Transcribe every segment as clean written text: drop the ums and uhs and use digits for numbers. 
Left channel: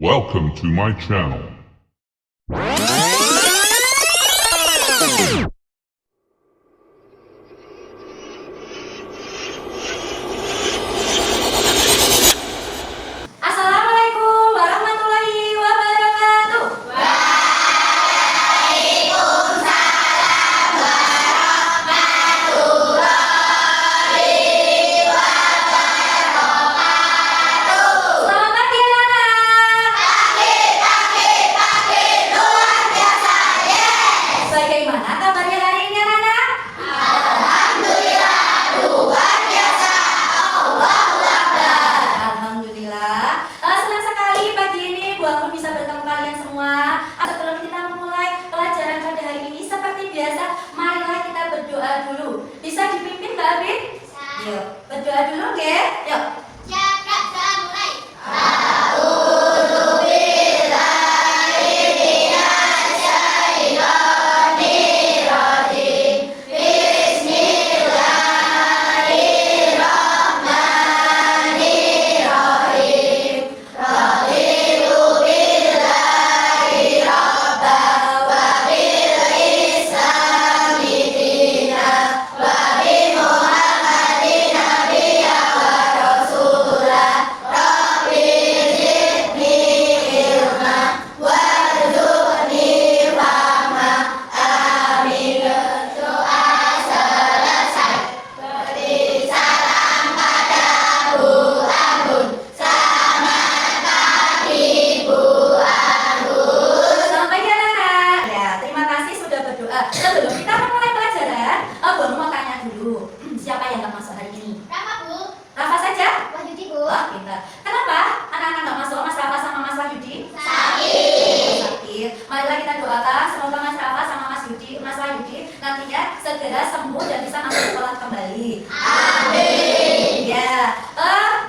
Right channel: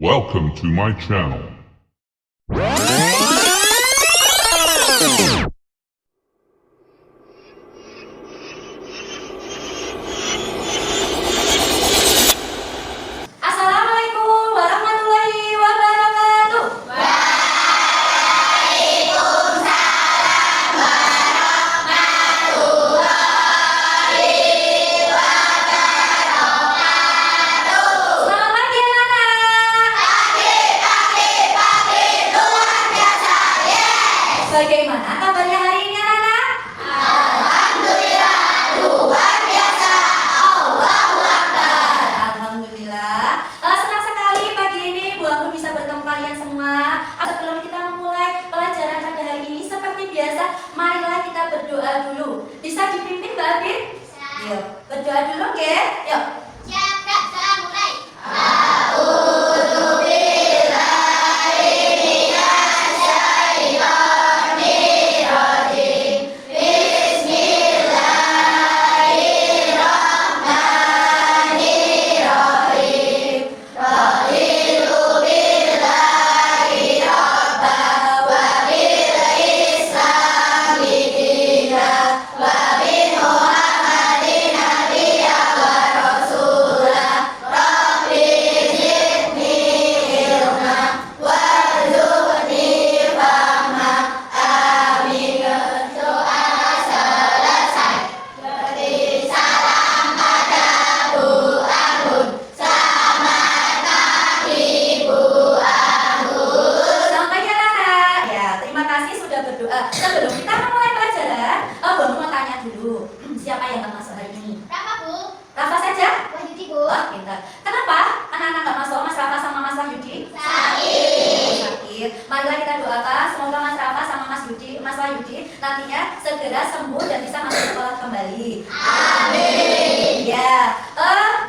Welcome to my channel. Assalamualaikum warahmatullahi wabarakatuh. Selamat pagi anak-anak. Bagaimana kabarnya hari ini anak-anak? Alhamdulillah. Senang sekali pagi ini Bu Anggun bisa bertemu kalian semua. Sebelum kita memulai pelajaran pada hari ini, seperti biasa, marilah kita berdoa dulu. Bisa dipimpin Mbak Abin? Yuk, berdoa dulu, oke? Yuk. Selamat pagi anak-anak. Ya, terima kasih sudah berdoa. Sebelum kita memulai pelajaran, Bu Anggun mau tanya dulu. Siapa yang nggak masuk hari ini? Rafa saja? Wah, pintar. Kenapa anak-anak nggak masuk? Mas Rafa sama Mas Wahyudi? Sakit. Marilah kita doakan semoga Mas Rafa sama Mas Wahyudi nantinya segera sembuh dan bisa masuk sekolah kembali. Amin. Ya.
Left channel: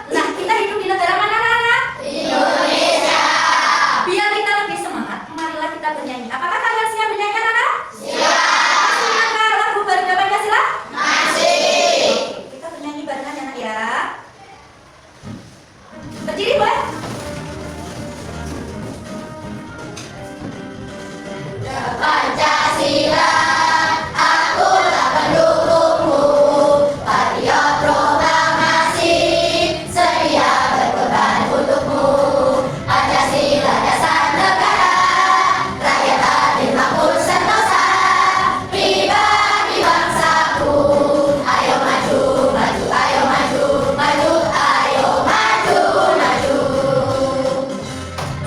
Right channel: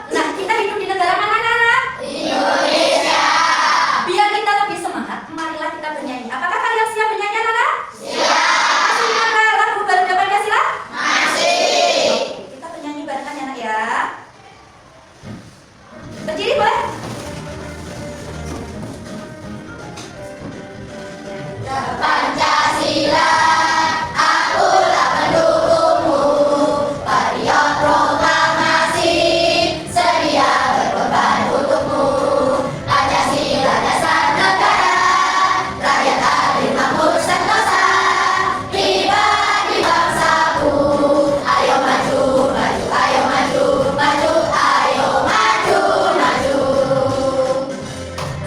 Nah, kita hidup di negara mana anak-anak? Indonesia. Biar kita lebih semangat, marilah kita bernyanyi. Apakah kalian siap bernyanyi anak-anak? Siap. Masih ingat lagu Garuda Pancasila? Masih. Oke, kita bernyanyi barengan ya anak ya. Berdiri boleh? Pancasila, akulah pendukungmu. Patriot proklamasi, sedia berkorban untukmu. Pancasila dasar negara, rakyat adil makmur sentosa. Pribadi bangsaku, ayo maju, maju, ayo maju, maju, ayo maju, maju.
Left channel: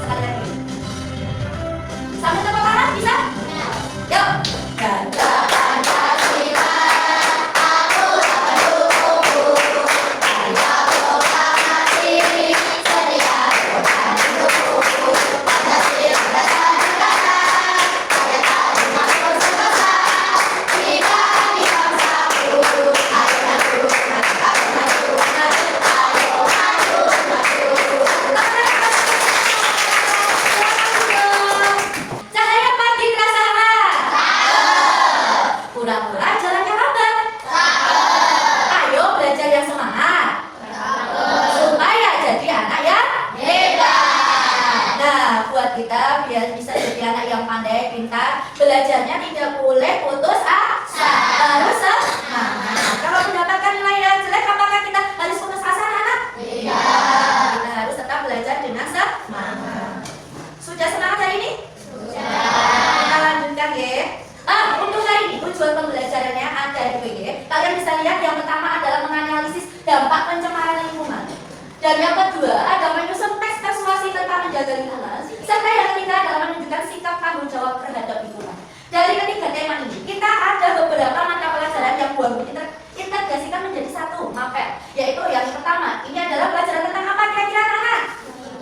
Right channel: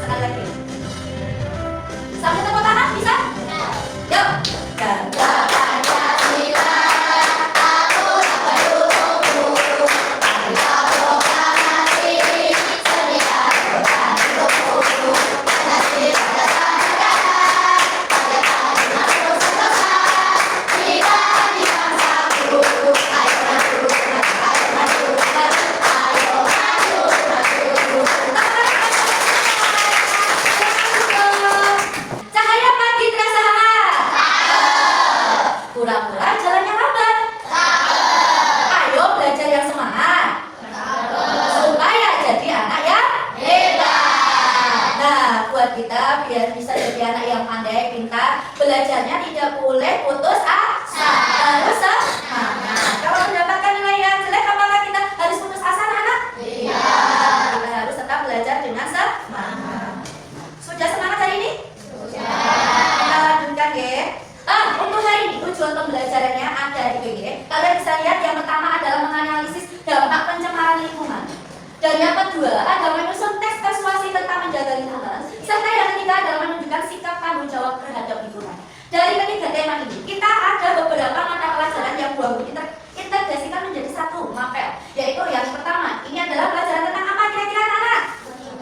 Sekali lagi. Sambil tepuk tangan bisa? Yuk. Ganda Pancasila, akulah pendukungmu. Patriot proklamasi, sedia berkorban untukmu. Pancasila dasar negara, rakyat adil makmur sentosa. Pribadi bangsaku, ayo maju, maju, ayo maju, maju, ayo maju, maju. Cahaya pagi terasa hangat. Pura-pura jalannya lambat. Ayo belajar yang semangat. Supaya jadi anak yang hebat. Nah, buat kita biar bisa jadi anak yang pandai, pintar, belajarnya tidak boleh putus asa. Harus semangat. Kalau mendapatkan nilai yang jelek, apakah kita harus putus asa, anak? Tidak. Kita harus tetap belajar dengan semangat. Sudah semangat hari ini? Kita lanjutkan ya. Untuk hari ini tujuan pembelajarannya ada di PG. Kalian bisa lihat yang pertama adalah menganalisis dampak pencemaran lingkungan. Dan yang kedua adalah menyusun teks persuasi tentang menjaga lingkungan. Serta yang ketiga adalah menunjukkan sikap tanggung jawab terhadap lingkungan. Dari ketiga tema ini, kita ada beberapa mata pelajaran yang Bu Anggun integrasikan menjadi satu mapel. Yaitu yang pertama, ini adalah pelajaran tentang apa kira-kira anak-anak?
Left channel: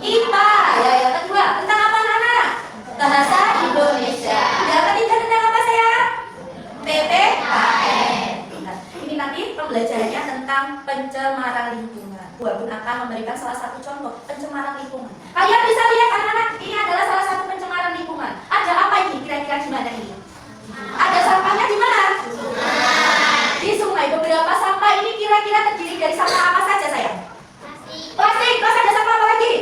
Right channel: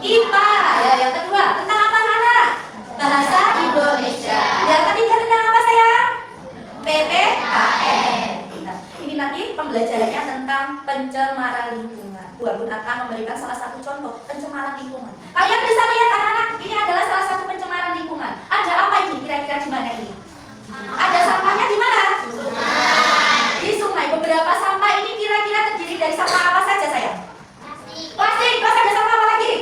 IPA. Ya, yang kedua, tentang apa anak-anak? Bahasa Indonesia. Yang ketiga tentang apa sayang? PPKN. Ini nanti pembelajarannya tentang pencemaran lingkungan. Bu Anggun akan memberikan salah satu contoh pencemaran lingkungan. Kalian bisa lihat anak-anak, ini adalah salah satu pencemaran lingkungan. Ada apa ini kira-kira di mana ini? Ada sampahnya di mana? Di sungai. Beberapa sampah ini kira-kira terdiri dari sampah apa saja sayang? Plastik. Terus ada sampah apa lagi?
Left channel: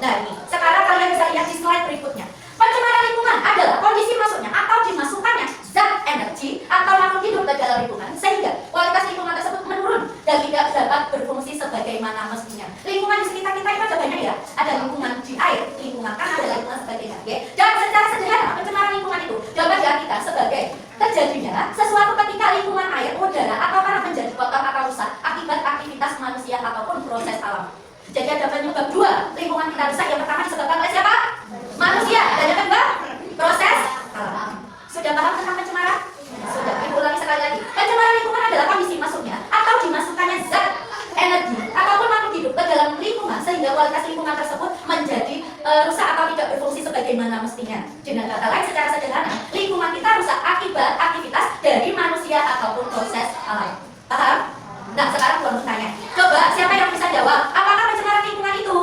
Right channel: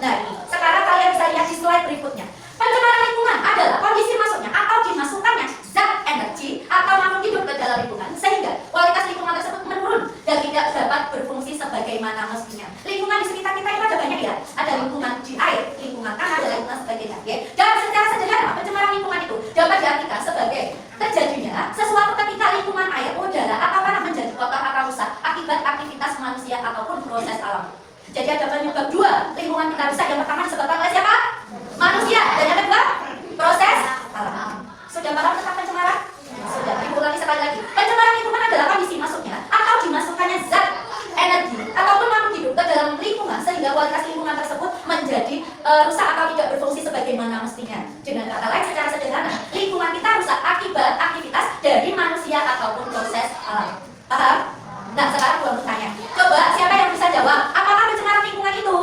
Nah ini, sekarang kalian bisa lihat di slide berikutnya. Pencemaran lingkungan adalah kondisi masuknya atau dimasukkannya zat energi atau makhluk hidup ke dalam lingkungan sehingga kualitas lingkungan tersebut menurun dan tidak dapat berfungsi sebagaimana mestinya. Lingkungan di sekitar kita itu ada banyak ya, ada lingkungan di air, lingkungan tanah, dan lingkungan sebagainya. Ya. Dan secara sederhana pencemaran lingkungan itu dapat diartikan sebagai terjadinya sesuatu ketika lingkungan air, udara, atau tanah menjadi kotor atau rusak akibat aktivitas manusia ataupun proses alam. Jadi ada penyebab dua lingkungan kita rusak. Yang pertama disebabkan oleh siapa? Manusia. Dan yang kedua proses alam. Sudah paham tentang pencemaran? Sudah. Diulangi sekali lagi. Pencemaran lingkungan adalah kondisi masuknya atau dimasukkannya zat energi ataupun makhluk hidup ke dalam lingkungan sehingga kualitas lingkungan tersebut menjadi rusak atau tidak berfungsi sebagaimana mestinya. Dengan kata lain, secara sederhana, lingkungan kita rusak akibat aktivitas dari manusia ataupun proses alam. Paham? Nah, sekarang gua mau tanya. Coba siapa yang bisa jawab? Apakah pencemaran lingkungan itu?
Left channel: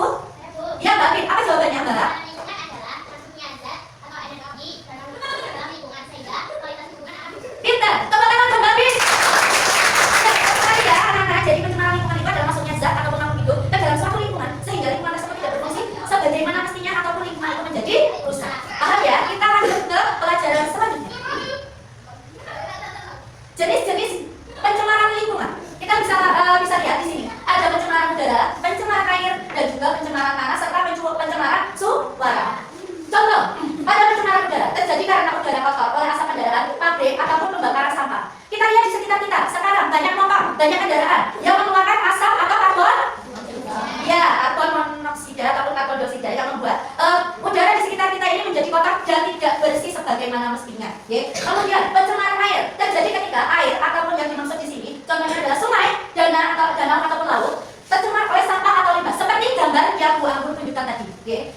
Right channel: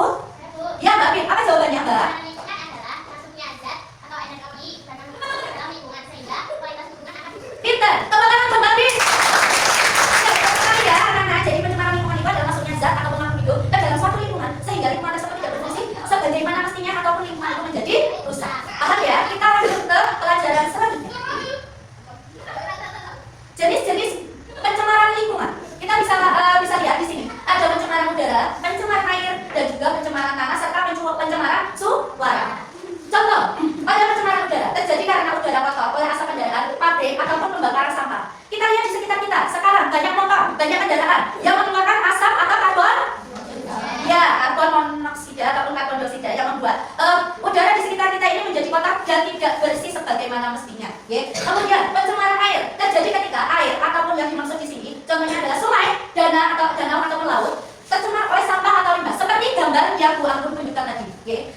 Ya, Mbak Bin. Apa jawabannya, Mbak? Lingkungan adalah masuknya zat atau energi dan makhluk hidup ke dalam lingkungan sehingga kualitas lingkungan akan Pintar. Tepuk tangan buat Mbak Bin. Nah, sekali ya, anak-anak. Jadi pencemaran lingkungan itu adalah masuknya zat atau makhluk hidup ke dalam suatu lingkungan sehingga lingkungan tersebut tidak berfungsi sebagaimana mestinya ataupun lingkungan itu menjadi rusak. Paham ya? Kita lanjut ke pelajaran selanjutnya. Jenis-jenis pencemaran lingkungan. Kita bisa lihat di sini. Ada pencemaran udara, pencemaran air, dan juga pencemaran tanah serta pencemaran suara. Contoh, ada pencemaran udara terjadi karena udara kotor oleh asap kendaraan, pabrik, ataupun pembakaran sampah. Kita lihat di sekitar kita. Sekarang banyak motor, banyak kendaraan yang mengeluarkan asap atau karbon. Ya, karbon monoksida ataupun karbon dioksida yang membuat udara di sekitar kita ini menjadi kotor dan tidak bersih sebagaimana mestinya. Kemudian pencemaran air terjadi ketika air ataupun yang dimaksud di sini contohnya adalah sungai, danau ataupun laut tercemar oleh sampah atau limbah seperti gambar yang Bu Anggun tunjukkan tadi.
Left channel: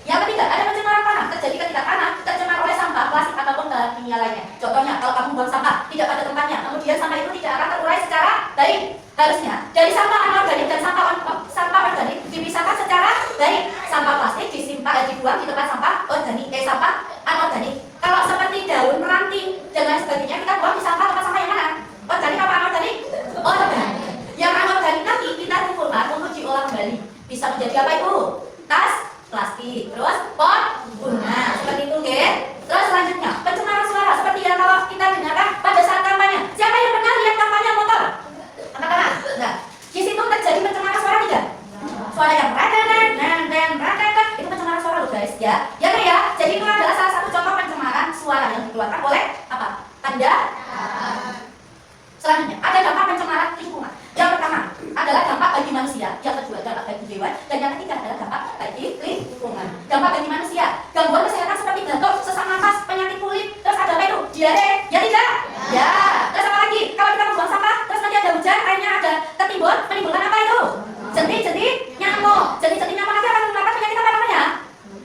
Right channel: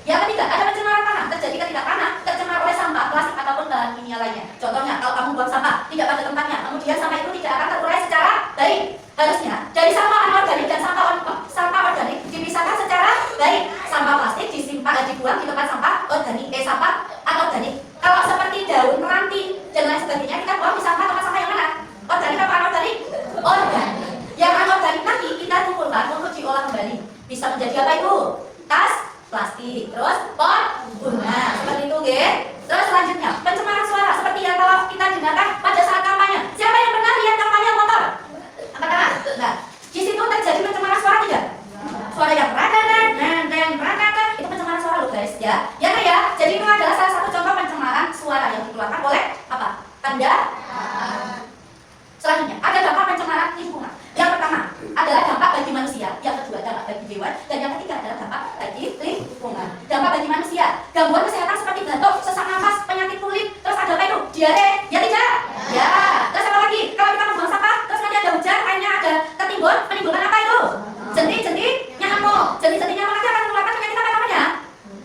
Yang ketiga, ada pencemaran tanah terjadi ketika tanah tercemar oleh sampah, plastik ataupun bahan kimia lainnya. Contohnya, kalau kamu buang sampah tidak pada tempatnya, kemudian sampah itu tidak akan terurai secara baik. Harusnya dari sampah anorganik dan sampah organik dipisahkan secara baik. Sampah plastik dibuang di tempat sampah organik, sampah anorganik. Kalau seperti daun, ranting dan lain sebagainya, kita buang di tempat sampah yang mana? Organik apa anorganik? Organik. Yang anorganik nanti kita kumpulkan untuk diolah kembali. Bisa menjadi apa itu? Tas plastik, terus pot bunga, seperti itu, Terus selanjutnya, pencemaran suara seperti yang kalau kita dengarkan pada saat kampanye. Siapa yang pernah lihat kampanye motor? Angkat tangan. Nah, di situ terjadi pencemaran suara tidak? Suara yang radadan, itu pencemaran suara loh, guys, ya. Ya. Jadi itu adalah salah satu contoh pencemaran suara yang dikeluarkan oleh apa? Kendaraan. Selanjutnya, ada dampak pencemaran lingkungan. Yang pertama adalah dampak bagi manusia, yang kedua dampak bagi hewan, dan yang ketiga adalah dampak bagi lingkungan. Dampak bagi manusia, gangguan kesehatan seperti batuk, sesak napas, penyakit kulit, terus ada apa itu? Diare, ya tidak? Ya. Terus apa lagi? Kalau kita membuang sampah, terus nanti ada hujan, airnya ada ketimbun, menimbulkan apa itu? Jentik-jentik nyamuk. Jentik-jentik nyamuk nanti akan mengeluarkan penyakit apa namanya?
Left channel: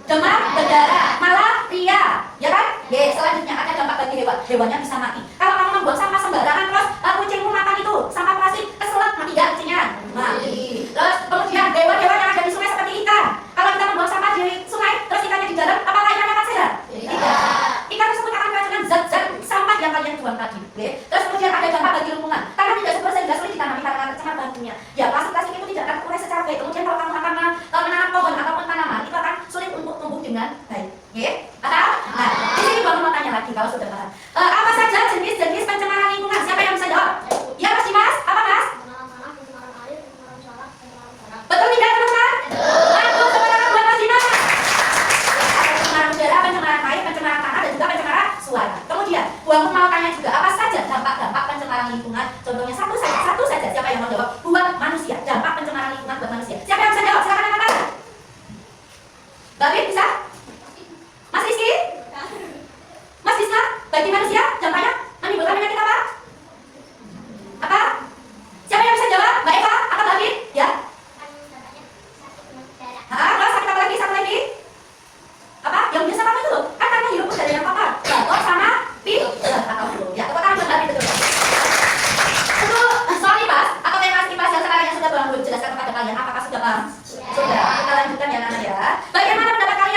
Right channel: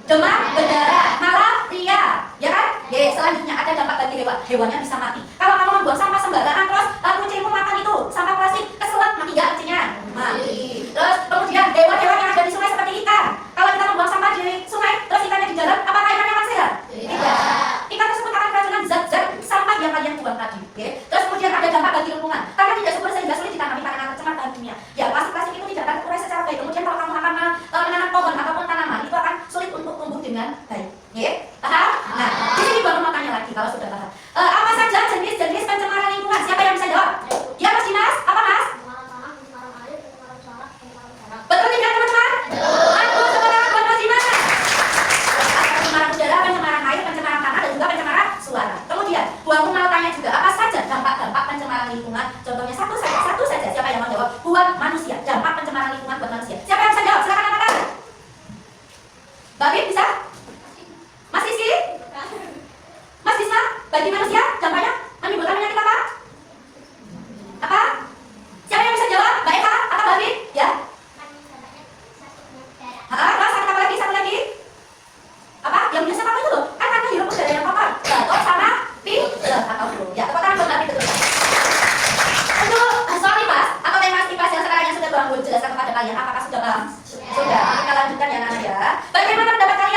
Demam berdarah, malaria, ya kan? Selanjutnya ada dampak bagi hewan. Hewannya bisa mati. Kalau kamu membuang sampah sembarangan, terus kucingmu makan itu sampah plastik, keselak, mati gak kucingnya? Mati. Terus kemudian hewan-hewan yang ada di sungai seperti ikan. Kalau kita membuang sampah di sungai, terus ikannya di dalam, apakah ikannya akan sehat? Tidak. Ikan tersebut akan keracunan zat-zat sampah yang kalian buang tadi. Terus kemudian ada dampak bagi lingkungan. Karena tidak subur sehingga sulit ditanami karena tercemar bahan kimia. Ya, plastik-plastik itu tidak akan terurai secara baik. Kemudian kalau kamu akan menanam pohon ataupun tanaman, itu akan sulit untuk tumbuh dengan baik. Paham? Nah, di sini Bang mau tanya lagi kalau sudah paham. Apa saja jenis-jenis pencemaran lingkungan? Siapa yang bisa jawab? Ya, Mas Dimas. Apa, Mas? Betul tidak, teman-teman? Betul, tepuk tangan buat Mas Dimas. Ada pencemaran udara, pencemaran air, pencemaran tanah, dan juga pencemaran suara. Kemudian, Bu Anggun mau tanya juga, apa saja dampak-dampak pencemaran lingkungan? Contohnya satu saja. Siapa yang mau jawab? Buat manusia. Dampak pencemaran lingkungan buat manusia. Siapa yang bisa jawab? Silakan angkat tangan. Mbak Bin, bisa? Mas Rizky? Mas Disma? Bagi manusia, dampaknya menimbulkan penyakit apa? Apa? Siapa yang bisa jawab? Mbak Eva? Atau Mbak Bin? Ya? Terus sakit apa lagi? Satu lagi? Apa? Yang biasa apa itu loh? Kan karena hirup udara yang kotor. Batuk sama pilek atau flu. Ya, tepuk tangan buat Mbak Bin, betul. Untuk soal IPAS atau tema IPAS yang sekarang yang sudah Bang Anggun jelaskan kepada kalian, apakah sudah paham? Sudah. Kita lanjutkan ya, Nana ya. Bagaimana pendapat kalian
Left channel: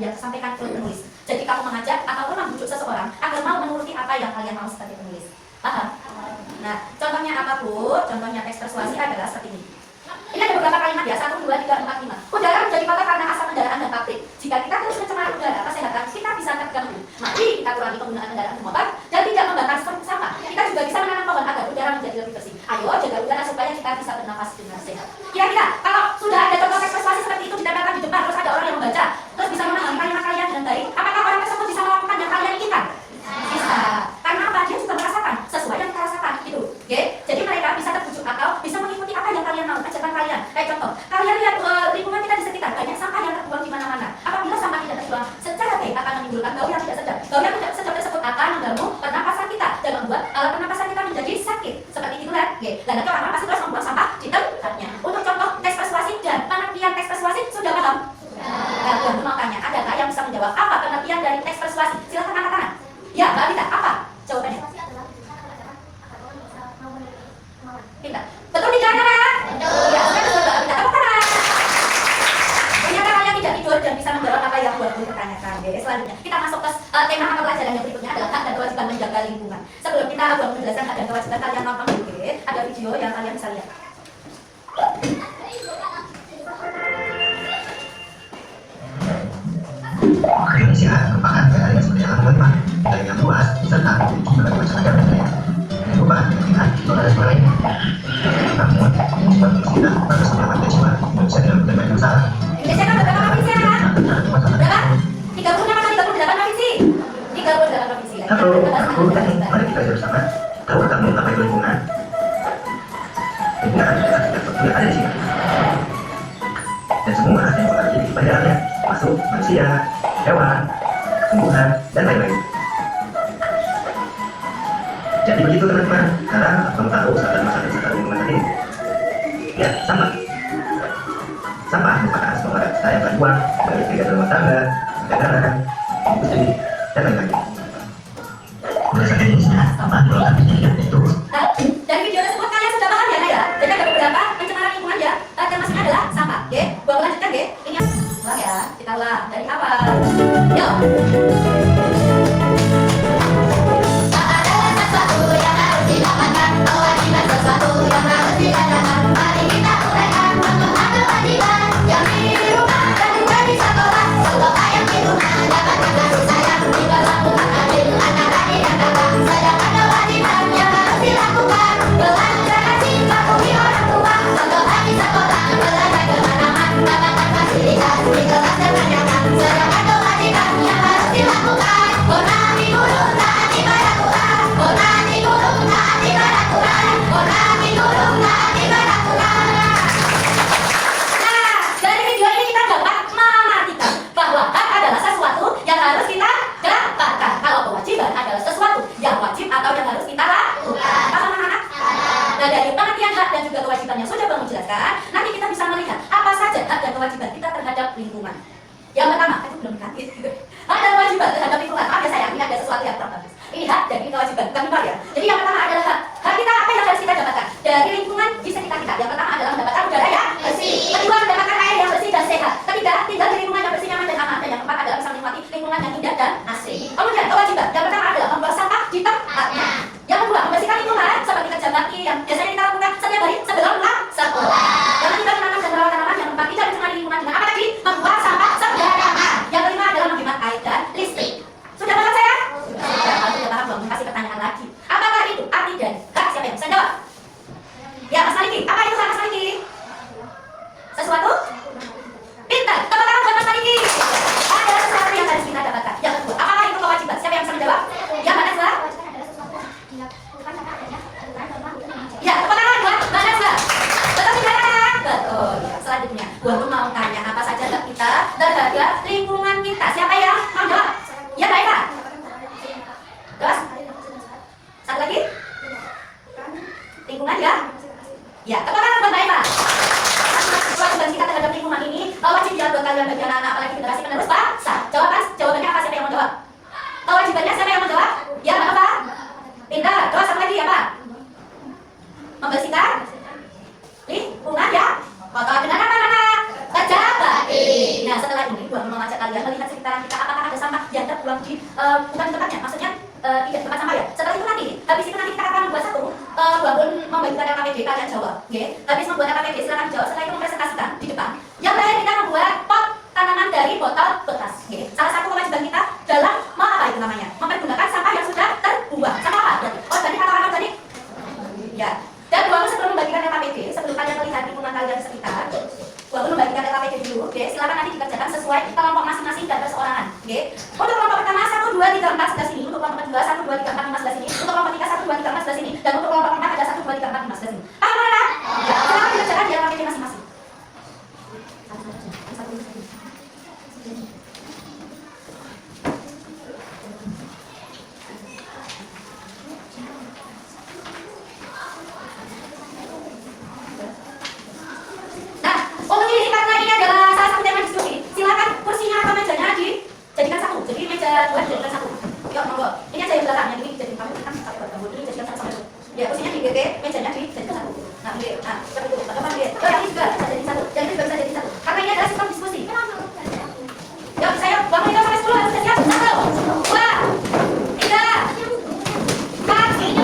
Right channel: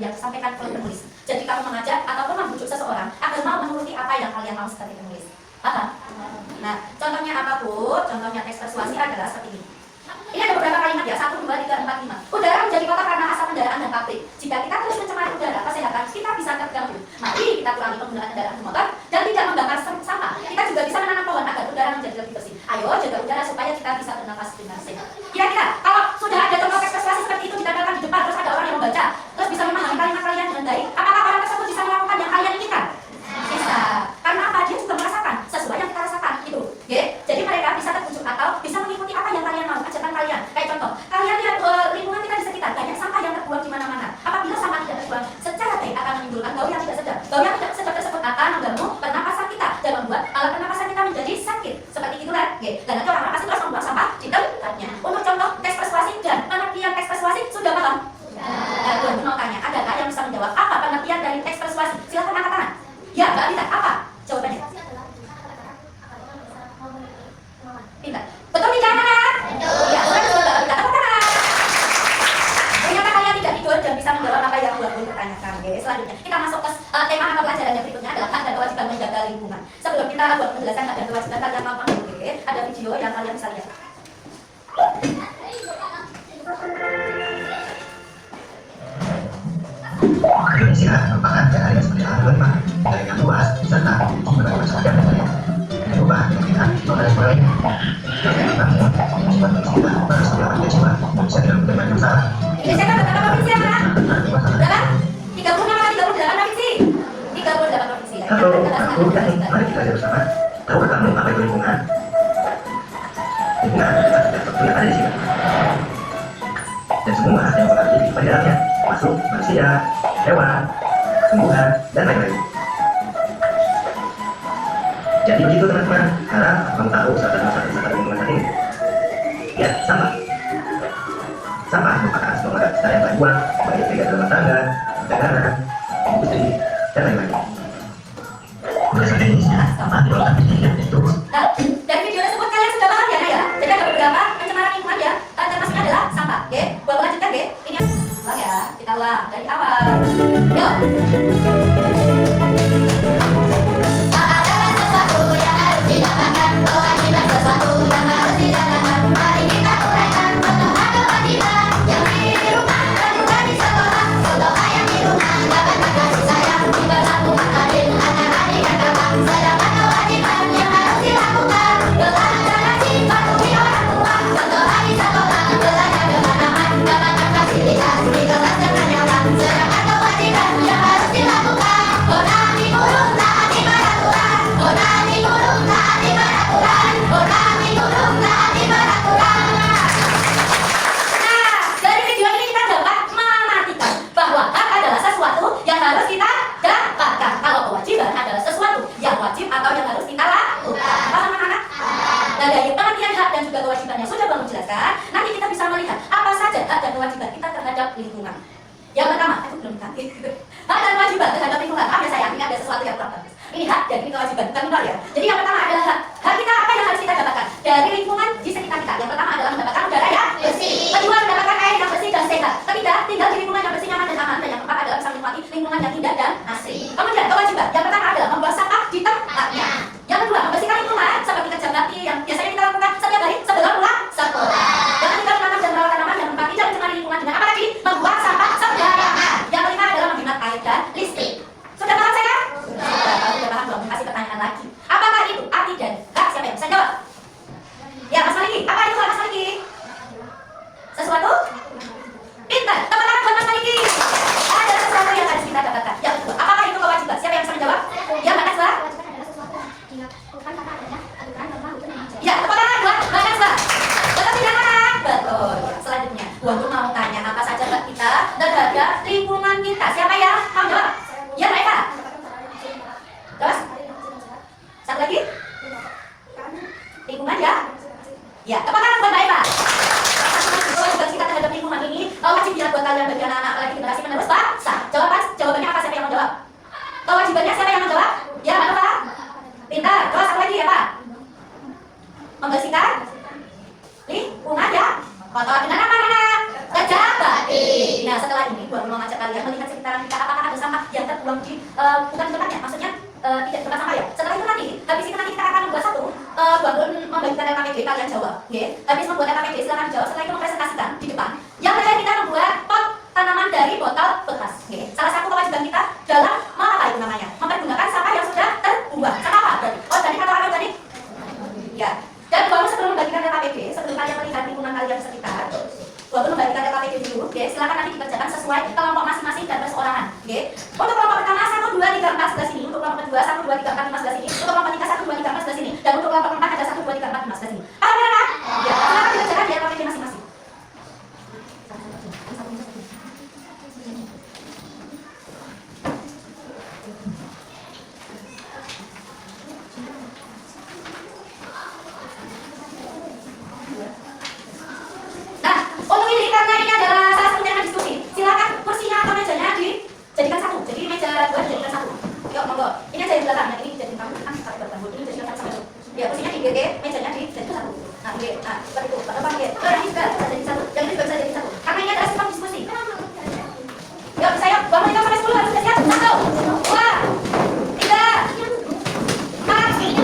yang disampaikan oleh penulis. Jadi kamu mengajak ataupun membujuk seseorang agar mau menuruti apa yang kalian mau sebagai penulis. Paham? Nah, contohnya apa Bu? Contohnya teks persuasi adalah seperti ini. Ini ada beberapa kalimat ya, 1, 2, 3, 4, 5. Udara menjadi kotor karena asap kendaraan dan pabrik. Jika kita terus mencemari udara kesehatan, kita bisa terganggu. Mari kita kurangi penggunaan kendaraan bermotor dan tidak membakar sampah. Kita juga bisa menanam pohon agar udara menjadi lebih bersih. Ayo jaga udara supaya kita bisa bernafas dengan sehat. Kira-kira kalau sudah ada contoh teks persuasi seperti itu ditempelkan di depan, terus ada orang yang membaca, terus bisa memahami kalimat kalian dengan baik, apakah orang tersebut bisa melakukan yang kalian inginkan? Bisa. Karena apa? Dia juga merasakan sesuai yang kita rasakan gitu. Oke? Jadi mereka bisa terbujuk atau bisa mengikuti apa yang kalian mau, ajakan kalian. Kayak contoh, kalian lihat lingkungan kita di sekitar banyak sampah yang terbuang di mana-mana. Apabila sampah tidak terbuang secara baik akan menimbulkan bau yang tidak sedap. Bau yang tidak sedap tersebut akan mengganggu pernapasan kita dan membuat alat pernapasan kita menjadi sakit. Seperti itu kan? Oke. Dan nanti orang-orang pasti terus membuang sampah di tempatnya. Untuk contoh teks persuasi dan pengertian teks persuasi sudah paham? Nah, gue mau tanya, adakah yang bisa menjawab apa pengertian dari teks persuasi? Silahkan angkat tangan. Ya, Mbak Rita, apa jawabannya? Pintar. Betul tidak, anak? Ya, sudah betul, Mbak Rita. Tepuk tangan. Ternyata kalian tidak tidur dan bisa menjawab apa yang buat pertanyakan. Oke, selanjutnya kita masuk ke tema mata pelajaran yang berikutnya adalah hak dan kewajiban menjaga lingkungan. Sebelum kita buat penjelasan hak dan kewajiban, kalian nonton dulu, oke? Ada video yang kalian bisa lihat. Indonesia merupakan negara yang sebenarnya berlimpah, negara yang luas, serta memiliki berbagai macam ragam budaya, perubahan kemungkinan dan sebagainya. Namun, sebagai kita harus menyelamatkan jiwa Indonesia dalam berbagai masalah. Indonesia kan berapa provinsi ya? Berapa? 36 atau 38 provinsi? 38 provinsi. Halo, aku Dani. Mari kita belajar bersama. Tahu kamu apa itu lingkungan? Lingkungan adalah setiap sesuatu yang ada di sini. Dan semua yang berada di dalamnya, masuk manusia, hewan, tumbuhan, dan lain-lain. Jadi begitu teman-teman, sekarang kamu tahu masalah terbesar lingkungan saat ini? Ya, sampah. Sampah merupakan sebuah kita yang terbuang, baik kegiatan rumah tangga, perdagangan, industri, dan lain-lain. Bahasa Indonesia, sampah merupakan kejadian itu. Nah, dari video tersebut kalian sudah paham ya, Nak ya? Jadi ada beberapa pencemaran lingkungan ya, termasuknya adalah sampah, oke? Gua lanjutkan, oke? Ini ulang ya, kita ulang dari awal. Yuk. Atau yang harus kita lakukan. Paham anak-anak? Nah, dari pengertian hak dan juga kewajiban yang sudah Bang jelaskan, nanti kita bisa melihat apa saja hak dan kewajiban kita terhadap lingkungan. Yang pertama, itu belum dikasih. Hak dan kewajiban terhadap lingkungan. Maaf ya sayang, ini ada sesuatu yang kurang bagus. Ini hak dan ini kewajiban, bukan lupa ya. Jadi yang pertama adalah hak. Hak kita apa yang harus kita dapatkan dari lingkungan di sekitar kita. Yang pertama adalah mendapatkan udara yang bersih. Kedua, mendapatkan air yang bersih dan sehat. Ketiga, tinggal di lingkungan yang bersih, nyaman dan aman. Dan yang keempat adalah bisa menikmati lingkungan yang indah dan asri. Kemudian kewajiban. Yang pertama adalah membuang sampah di tempatnya. Yang kedua, membersihkan lingkungan seperti kerja bakti yang biasanya kita lakukan setiap hari sebelum pulang sekolah. Jangan tinggal menanam dan merawat tanaman. Yang keempat, tidak mencemari lingkungan dengan apa tadi? Membuang sampah sembarangan. Yang kelima adalah menghemat air dan listrik. Sudah paham saya? Sudah. Kalau sudah paham, belum kasih pertanyaan lagi. Apakah itu arti dan hak? Siapa yang bisa jawab? Ya, Mas Maliki. Apa itu hak Mas Maliki? Sesuatu? Pintar. Tepuk tangan buat Mas Maliki. Ada sesuatu yang harus kita dapatkan. Yang kedua, apakah itu kewajiban? Siapa yang bisa menjawab? Ya, Mbak Najwa. Ya, tepuk tangan buat Mbak Najwa. Betul tidak, anak? Betul. Ya, selanjutnya, gua pun mau tanya apa saja hak kita terhadap lingkungan kita. Siapa yang mau jawab? Ya, Mbak Eva. Terus? Satu lagi? Lingkungan ya? Ya, tepuk tangan buat Mbak Eva. Kewajiban kita terhadap lingkungan ini wajib ya buat kalian bagi anak-anak apalagi generasi penerus bangsa. Jawabannya apa? Siapa yang mau jawab? Kewajibannya siapa yang mau jawab? Ya, Mbak Eva. Pintar. Terus satu lagi apa? Membersihkan lingkungan ya. Kotor dengan apa, anak? Kerja bakti. Nah, setelah ini gua mau ngajak kalian melihat sekitar terbuang di bukan di tempatnya, maksudnya tidak di tempat sampah ya. Setelah itu nanti, habis itu nanti kita akan membuat satu bangun membagikan RKPD kalian jawab, oke? Habis membuat RKPD silakan jawab. Setelah itu mempresentasikan di depan. Yang terakhir kita membuat pot tanaman dari botol bekas, oke? Salah satu kewajiban kita dalam apa itu namanya? Mempergunakan sampah yang sudah terbuang. Sampah apa? Berarti organik atau anorganik? Ya. Dan bangun sebelum membagikan RKPD, sebelum kalian melihat lingkungan kalian sekitar, bangun membagikan RKPD dulu, oke? Silakan nanti dikerjakan sesuai kelompok masing-masing dan perseorangan, oke? Untuk kelompok pertama 1, 2, 3, 4 sebelah sini, untuk kelompok kedua 1, 2, 3, 4, 5 sebelah sini, untuk kelompok ketiga 1, 2, 3, 4 sebelah sini, dan untuk kelompok keempat ada 1, 2, 3, 4, 5 sebelah sini. Paham kan? Ya, silakan dikerjakan di RKPD masing-masing. Nah, untuk ini karena ini adalah salah satu tema diskusi, silakan kursinya atau mejanya dijadikan satu. Jadi meja 2 dijadikan satu. Yuk, monggo. Ini aja yang belakang, yang ini dijadikan kamu kan sampai bertambah. Ini dijadikan satu. Ya, kursinya di GG, mejanya dijadikan satu. Nah, oke. Nah, seperti itu. Bapak nggih. Yang ini juga bisa jadi satu. Yang ini juga bisa jadi satu. Karena ini adalah sistem diskusi. Yuk, saya bangun itu sampai 10 harus siap. 1, 2, 3, 4, 5,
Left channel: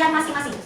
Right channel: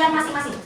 6, masing-masing.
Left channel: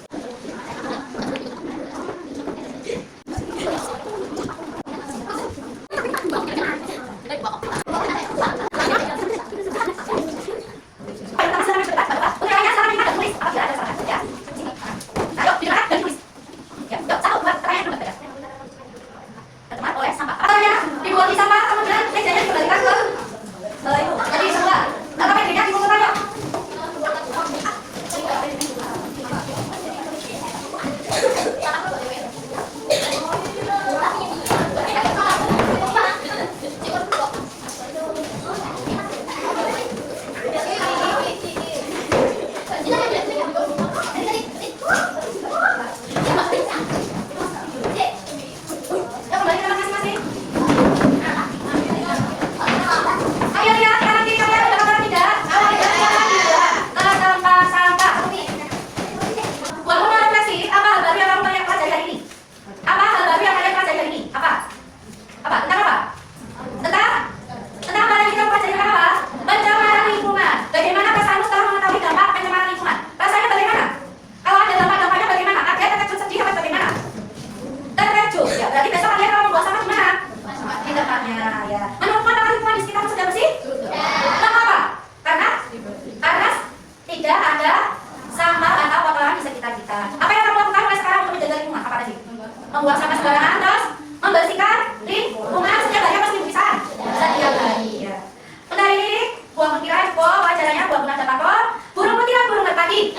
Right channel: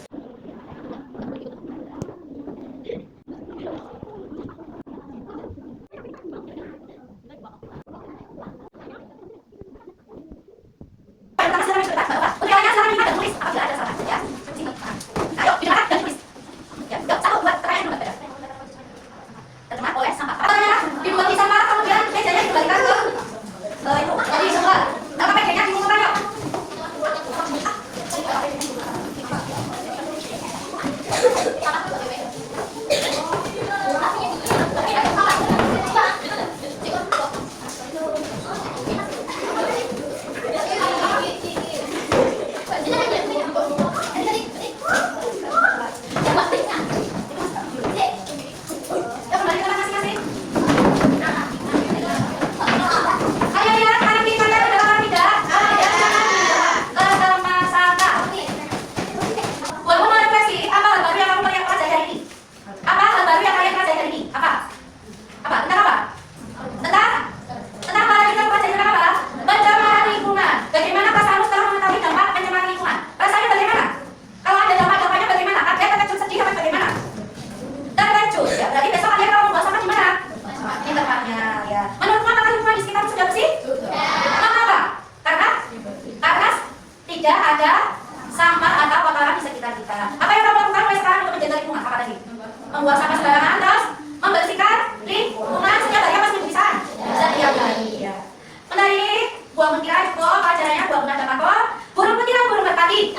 Membuang sampah sembarangan, terus membersihkan lingkungan setiap hari apa seminggu bisa? Setiap hari ya. Untuk hari ini buang mutiara cukup, acaranya buang guna dapat kok. Burung mutiara burung merpati.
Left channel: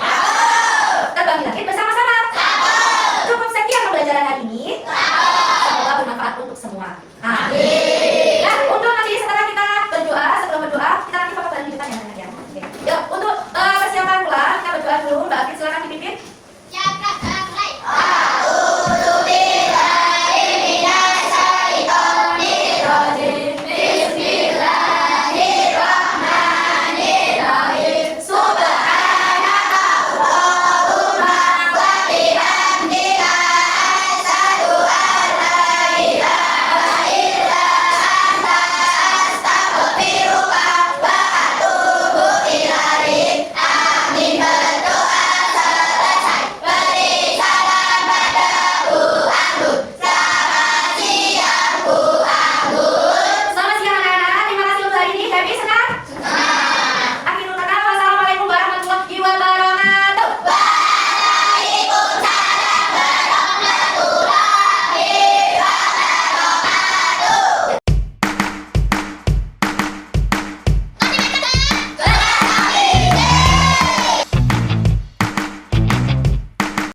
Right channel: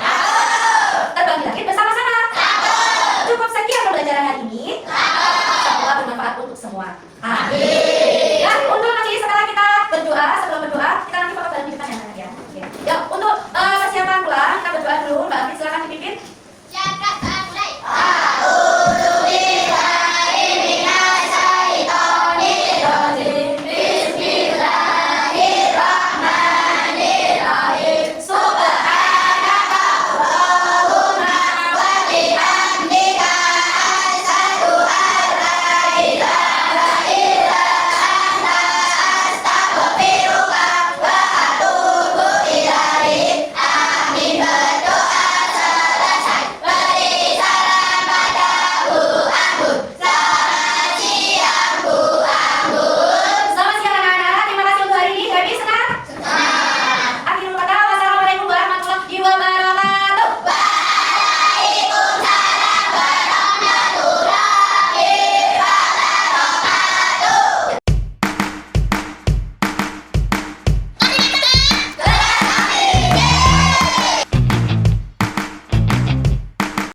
Terbang di langit bersama-sama. Cukup sekian pembelajaran hari ini. Semoga bermanfaat untuk semua. Amin.